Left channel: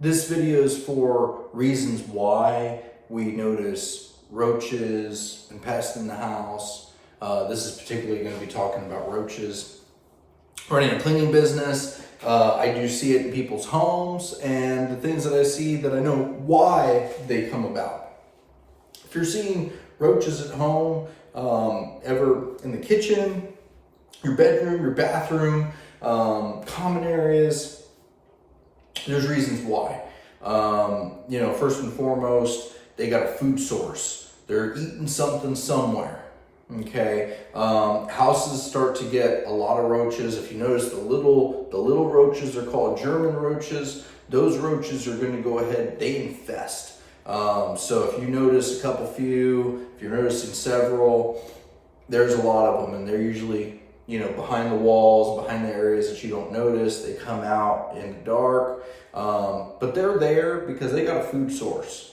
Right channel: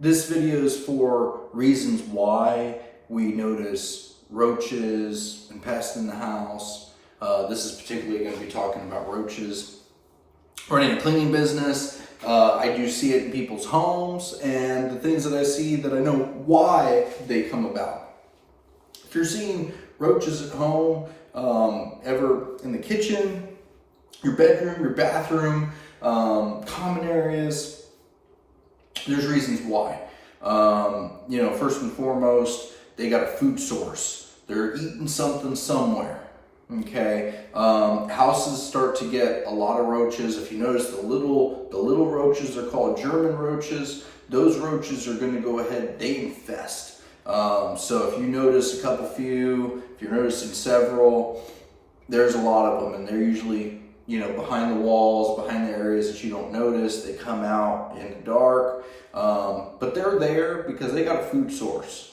This video is for reasons why we notice roaches and pests in the house. This is particularly going to be talking about roaches. Running a cleaning business, I do see it in people's homes, and the things that I see that I know why they come about. If you're seeing roaches at home, ever in the kitchen, your bedroom, your bathroom, common areas, there's reasons why. First and foremost, they got a food source. They're eating something somewhere. Okay, houses start to get a lot of roaches. If you notice, the little roaches are called German roaches. Those roaches are going to go ahead, they infest. So if you notice if you're noticing several, there's a lot of them, and they're usually behind the walls, behind the areas that you don't notice. They come out in the dark, but they're there because they got a food source.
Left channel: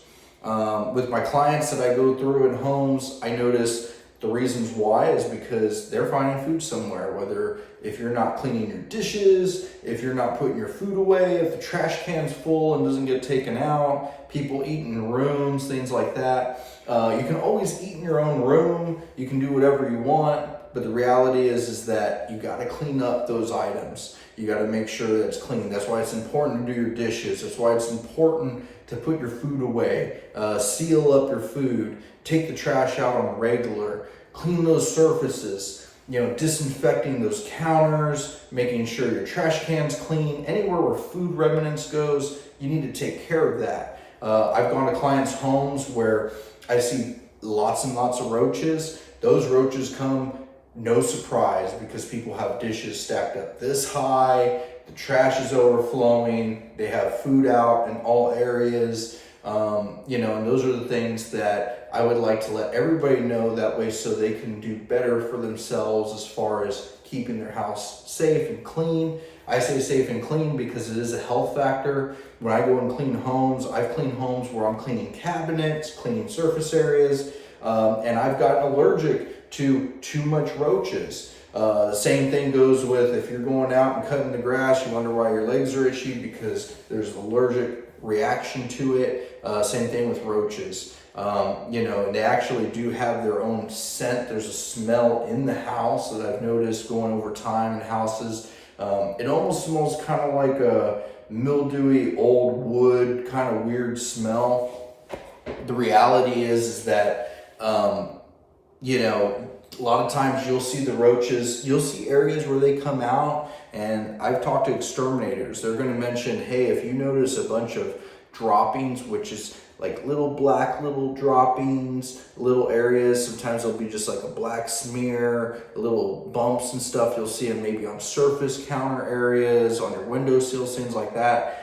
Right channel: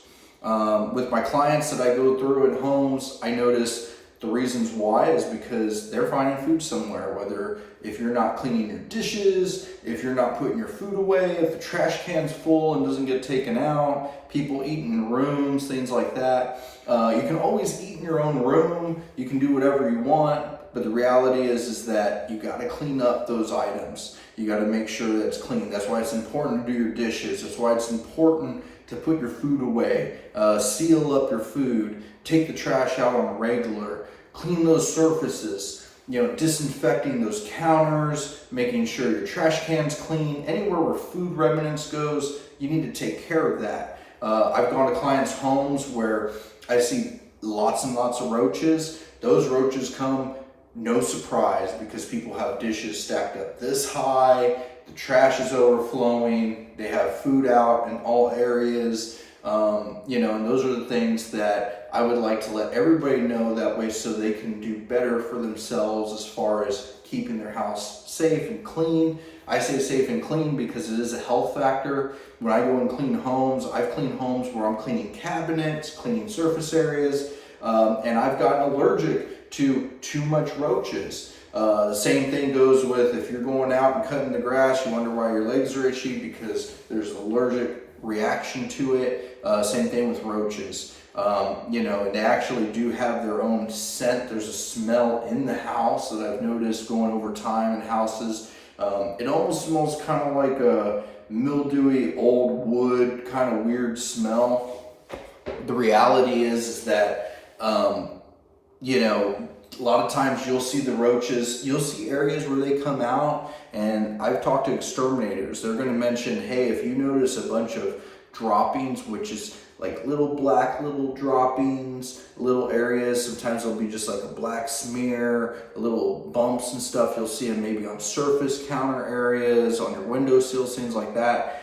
With my clients that I go through in homes, I notice the reasons why is because they're finding food somewhere, whether if you're not cleaning your dishes, if you're not putting your food away, if the trash can's full and doesn't get taken out, people eat in rooms, things like that. You can always eat in your own room. You can do whatever you want. But the reality is that you got to clean up those items. You got to make sure that it's clean. That's why it's important to do your dishes. That's why it's important to put your food away, seal up your food, take the trash out on a regular, clean those surfaces, disinfecting those counters, making sure your trash can's clean. Anywhere where food remnants goes, you need to take care of that. I've gone to clients' homes where I see lots and lots of roaches. Those roaches come no surprise because people have dishes stacked up this high, the trash is overflowing, they have food out in all areas, and those are the things that I would like to let everybody know, that way so they can do better for themselves as far as keeping their house safe and clean. I say safe and clean because it is a health factor. When I go and clean homes, I've cleaned homes where I'm cleaning cabinets, cleaning surface areas, and I've gotten allergic to too much roaches. The same thing goes with if you're going out and cutting the grass, you wonder why your legs are itchy because there's an allergic reaction to it. Same thing with roaches. They actually do have their own scent. There's a smell in the house that I've noticed going over time in houses. It almost smells kind of like a mildewy old wood, kind of weird smell. The reality is that a lot of times you'll see the roaches, you'll see areas where they come out, and I've talked to exterminators. They're going to mention, hey, if you notice a bunch of droppings, which is like little droppings, little areas, sometimes there'll be just like a black smear, little bumps and stuff. You'll see them maybe on surface counter areas, on your windowsills, things like that.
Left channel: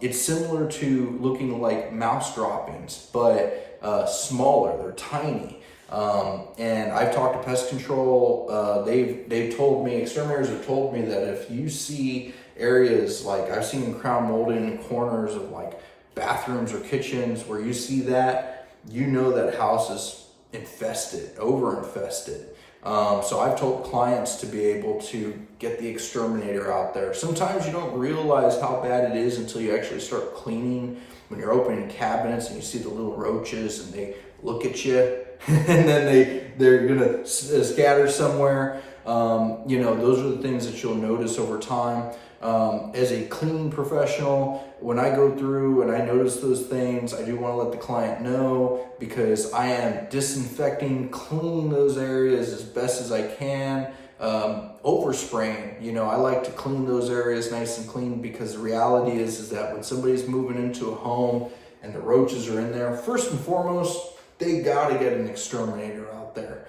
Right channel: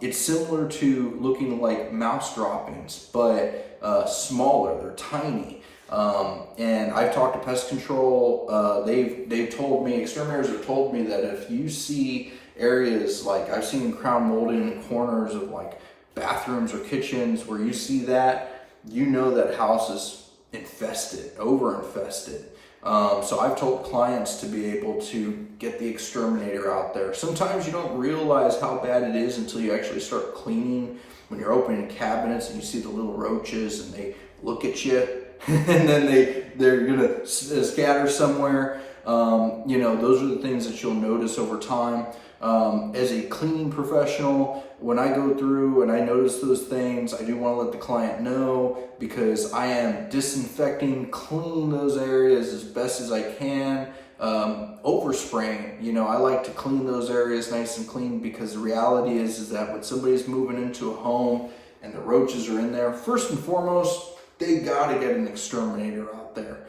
It's similar to looking like mouse droppings, but smaller, they're tiny. And I've talked to pest control. They've told me, exterminators have told me that if you see areas like I've seen crown molding in corners of like bathrooms or kitchens where you see that, that house is infested, over infested. So I've told clients to be able to get the exterminator out there. Sometimes you don't realize how bad it is until you actually start cleaning. When you're opening cabinets and you see the little roaches and they look at you and then they're gonna scatter somewhere. Those are the things that you'll notice over time. As a cleaning professional, when I go through and I notice those things, I do want to let the client know, because I am disinfecting, cleaning those areas as best as I can. Overspraying, I like to clean those areas nice and clean, because the reality is that when somebody's moving into a home and the roaches are in there, first and foremost, they gotta get an exterminator out there.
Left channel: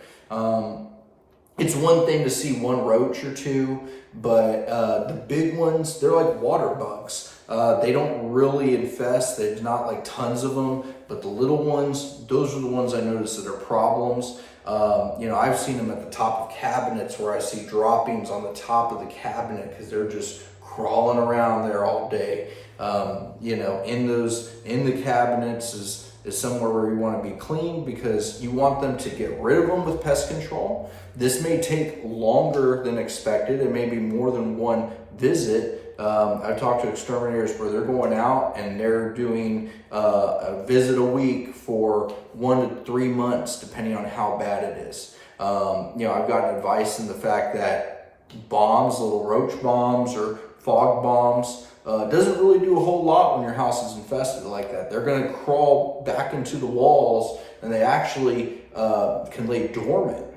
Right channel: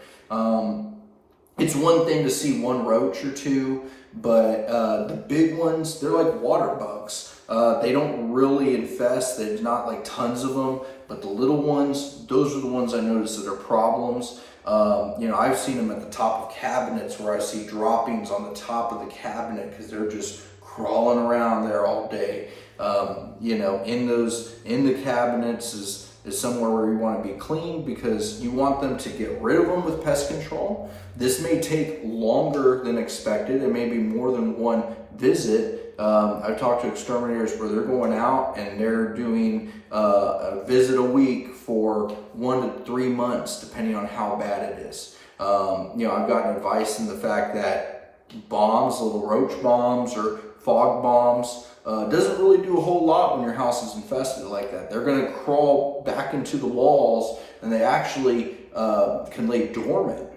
It's one thing to see one roach or two, but the big ones, they're like water bugs. They don't really infest. There's not like tons of them, but the little ones, those are the ones I notice that are problems. I've seen them at the top of cabinets where I see droppings on the top of the cabinet because they're just crawling around there all day. In the cabinets is somewhere where you want to be clean, because you want them to get rid of them with pest control. This may take longer than expected. It may be more than one visit, I've talked to exterminators where they're going out and they're doing a visit a week for 1 to 3 months, depending on how bad it is. I've gotten advice in the fact that bombs, little roach bombs or fog bombs, doesn't really do a whole lot when your house is infested like that. They're going to crawl back into the walls, and they actually can lay dormant.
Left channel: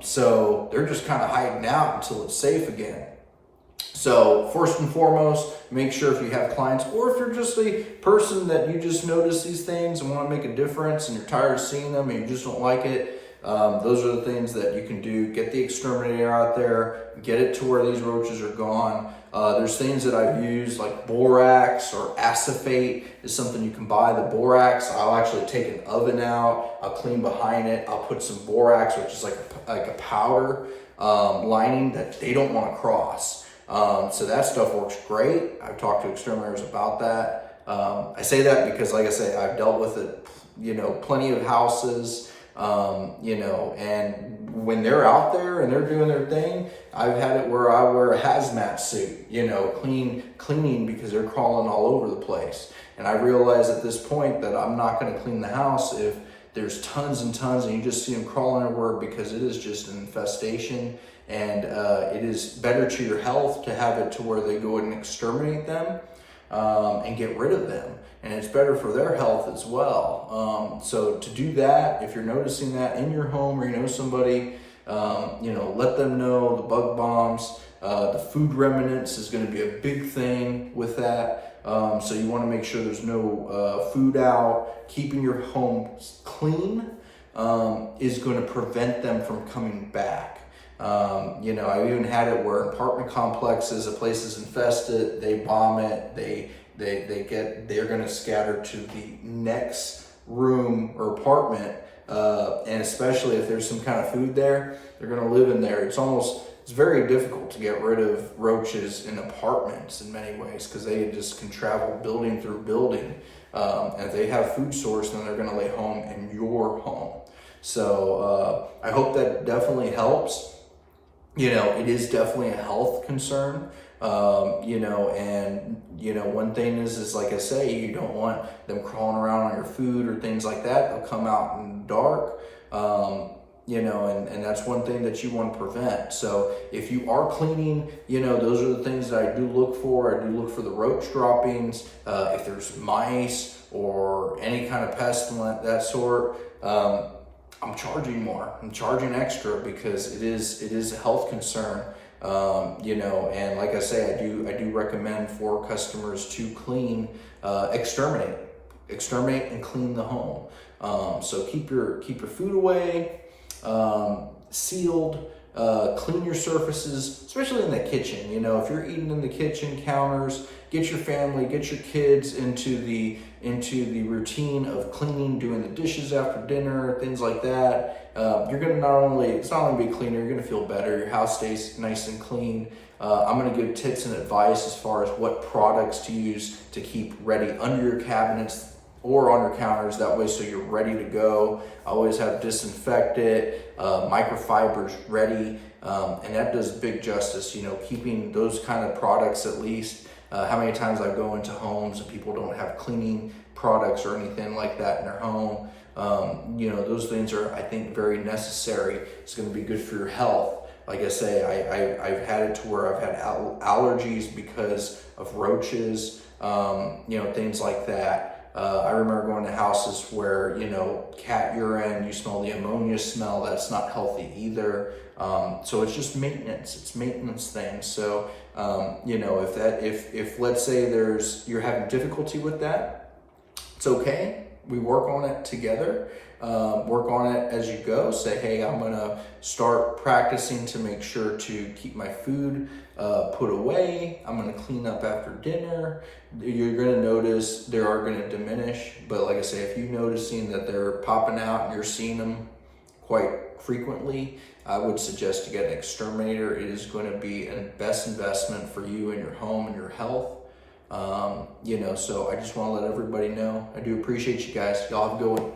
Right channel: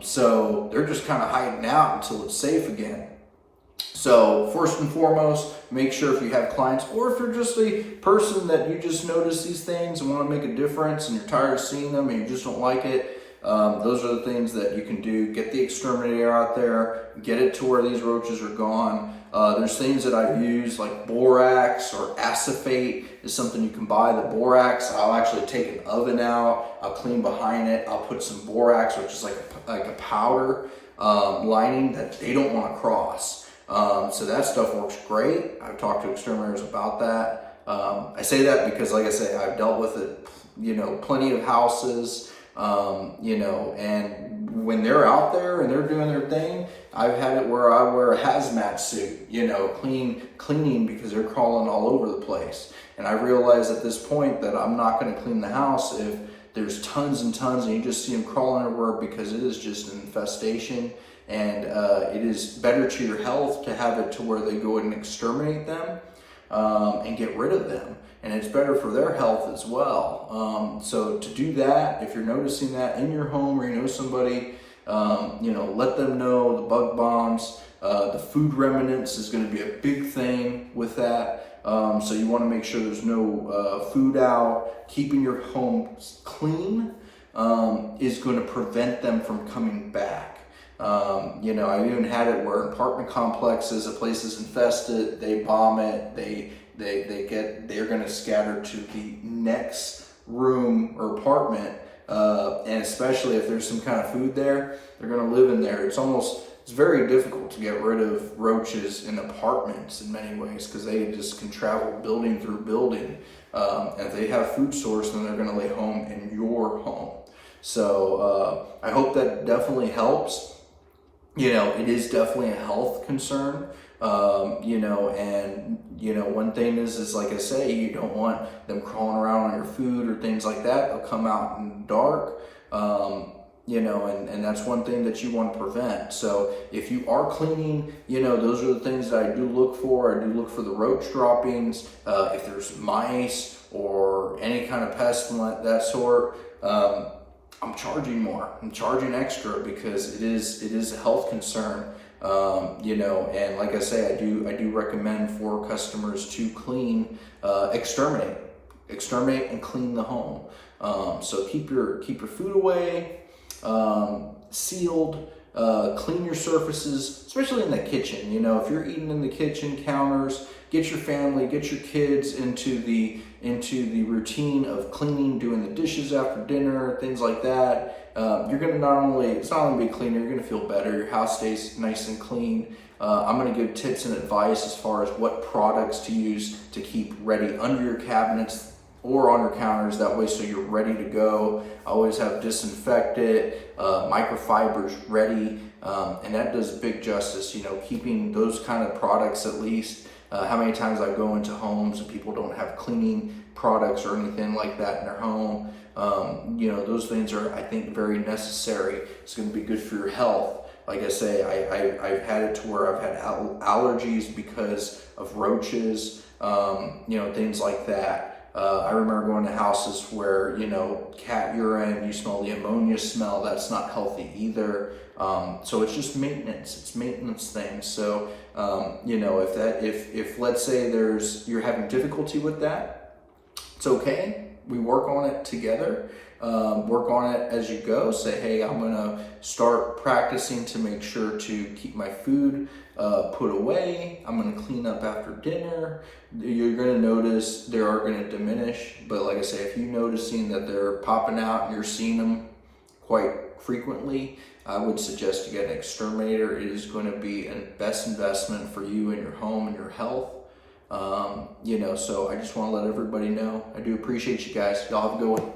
So they're just kind of hiding out until it's safe again. So first and foremost, make sure if you have clients, or if you're just a person that you just notice these things and want to make a difference and you're tired of seeing them and you just don't like it, those are the things that you can do. Get the exterminator out there, get it to where these roaches are gone. There's things that I've used like borax or acephate is something you can buy. The borax, I'll actually take an oven out, I'll clean behind it, I'll put some borax, which is like a powder lining that they don't want to cross. So that stuff works great. I've talked to exterminators about that. I say that because, like I say, I've dealt with it, plenty of houses, and when they're out there and they're doing their thing, I've had it where I wear a hazmat suit, cleaning because they're crawling all over the place. And I realize at this point that I'm not going to clean the house if there's tons and tons and you just see them crawling everywhere, because it is just an infestation. And it is better to your health to have it to where they go and exterminate them and get rid of them. And it's better for their health as well. So to do that, if you're noticing that in your home or you know somebody, let them know. The bug bombs, the food remnants is going to be a big thing with that. So you want to make sure there's no food out. Keeping your home clean is going to prevent them from coming back. I've even had it where apartment complexes, a place is infested, they bomb it, they're going to scatter to the next room or apartment, and especially if there's some kind of food there, they're going to live in there. It's very difficult to get rid of roaches in apartments in many ways, because they just can travel building through building. And if they have food source, then they're going to lay home in your home. So I hope that definitely helps. It is definitely a health concern, and one thing is like I say, you don't want them crawling around on your food or things like that. They'll come out in the dark, and that's one thing that you want to prevent. So if you are cleaning, those are the things that I do look for. I do look for the roach droppings. If there's mice or any kind of pestilent, that sort, I'm charging more. I'm charging extra because it is a health concern. And like I say, I do recommend for customers to clean, exterminate and clean the home. So keep your food away, sealed, clean your surfaces, especially in the kitchen. If you're eating in the kitchen counters, get your family, get your kids into the routine of cleaning, doing the dishes after dinner, things like that. You're gonna it's not only be cleaner, you're gonna feel better. Your house stays nice and clean. I'm gonna give tips and advice as far as what products to use to keep ready under your cabinets or on your counters, that way so you're ready to go. I always have disinfectant, microfibers ready, and that does big justice, keeping those kind of products at least. How many times I go into homes and people don't have cleaning products or anything like that in their home. Those things are, I think, very necessary. It's going to be good for your health. Like I say, I've had it to where I've had allergies because of roaches, things like that. I remember going to houses where, cat urine, you smell the ammonia smell, that's not healthy either. So it's just maintenance, it's maintenance things. So, if let's say you're having difficulty with that, it's okay. We work on it together, work on it as you go. Say, hey, I'm gonna start practicing to make sure to keep my food put away. I'm gonna clean up after dinner. You're gonna notice they are gonna diminish, but like I say, if you're noticing that they're popping out and you're seeing them quite frequently, I would suggest to get an exterminator. It is going to be a best investment for you and your home and your health. So I just want to let everybody know. I do appreciate you guys. Y'all have a good one.